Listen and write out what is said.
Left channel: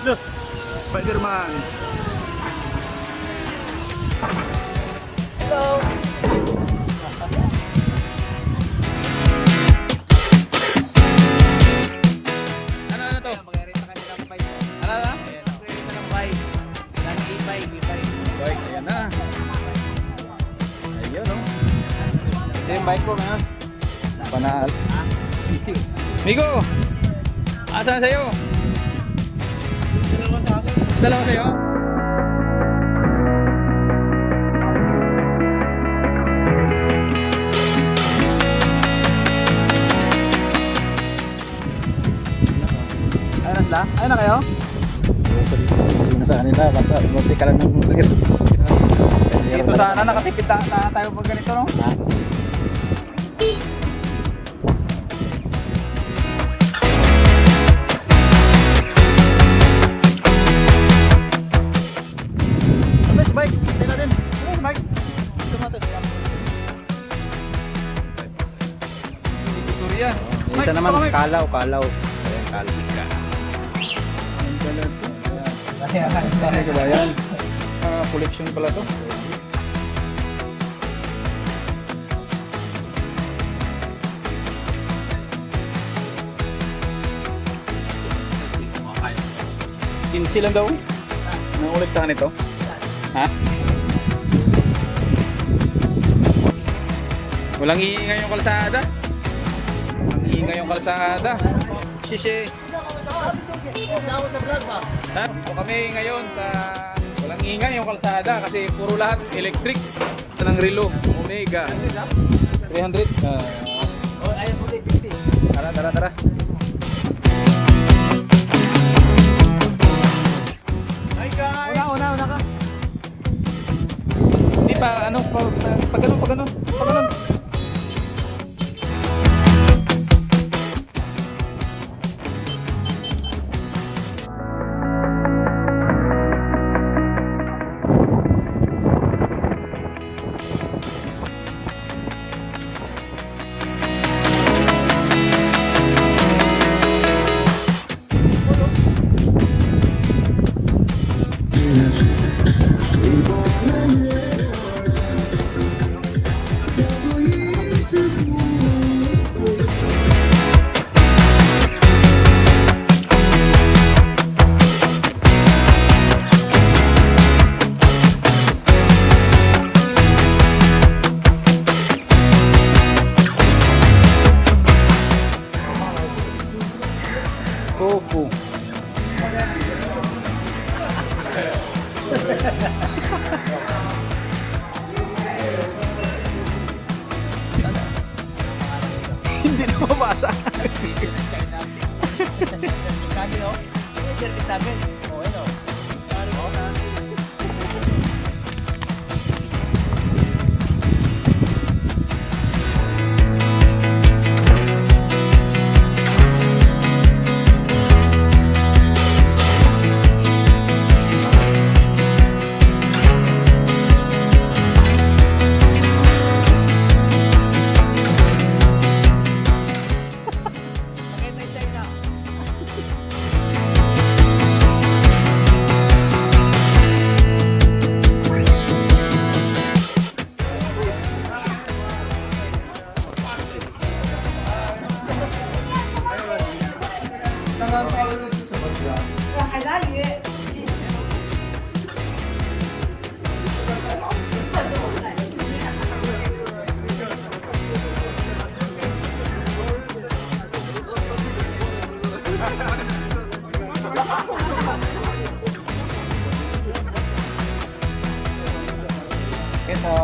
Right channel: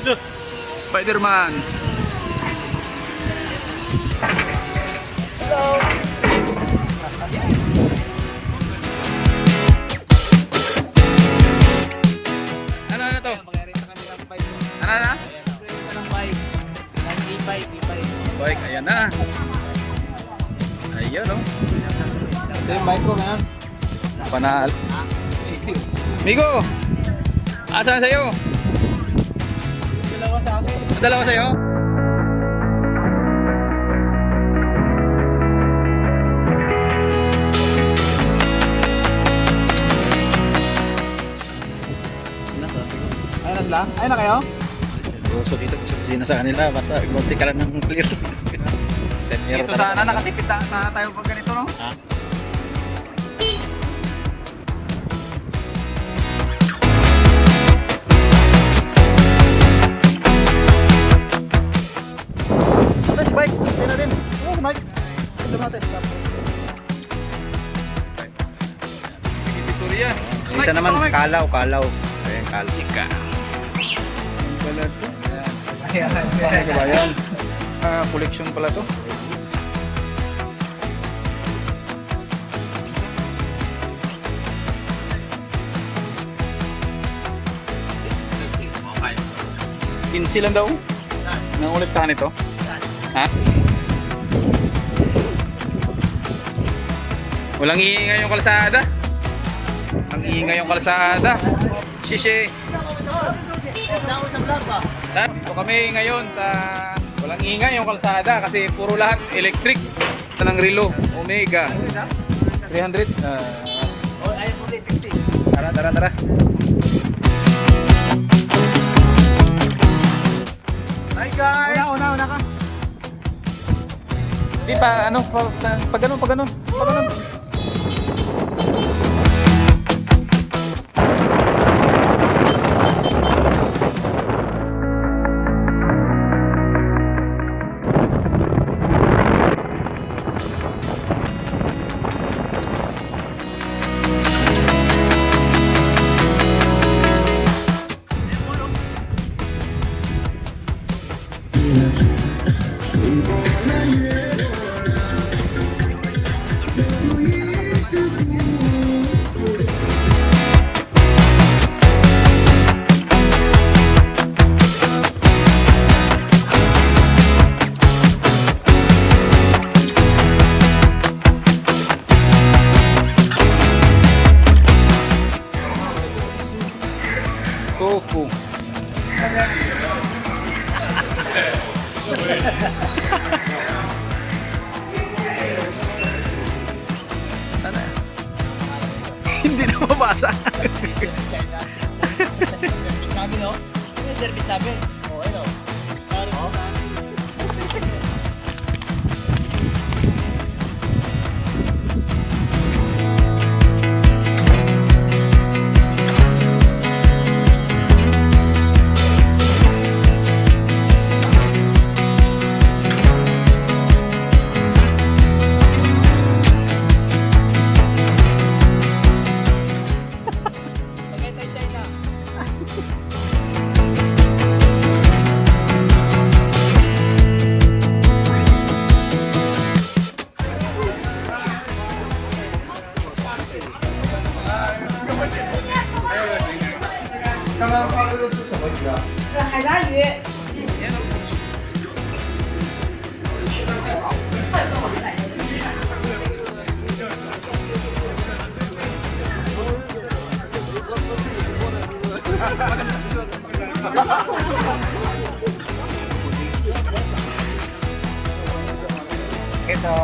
Spider-Man. Hello. Ano to? Mag-renta kami ng bike. Ano na? Mag-renta ng bike. Ng e-bike. Bike, ayan na. Ayun, no? Ito yung bike ko ngayon. Panal. Migo! Asan sa'yo? Dalawa sa akin. Dalawa sa'yo? Ayun na sila? Ayun na kayo? So dito kasi kusina sa kanila, basta munti ka lang ng clear. Dito sana nakatipid na tayo pag ganito, no? Ha? Ito si bike, ito na din. Oh, Mike. Ito natin. Ibisuri yan. Yung isa naman, kalaw. Ayan, kalaw. Sika. Ang pala ito. Ano ka ba yan? Collection pala to. Kinsi lang daw. Nanguliktahan ito. Ha? Walang iingay yung kalsada. Walang iingay yung kalsada. Shishe. Dito kami ngayon sa walang ingay yung kalsada kasi puro lahat electric. Ito ng Relo Omega 300. Oh, ayaw mo rin. 50. Tara. Hi guys! Una ko. Hindi pa ano pag ganun. Tofu. Sana. Hindi na mabasa. Service namin, no? Yung service namin. Oo, ano? China. Ito.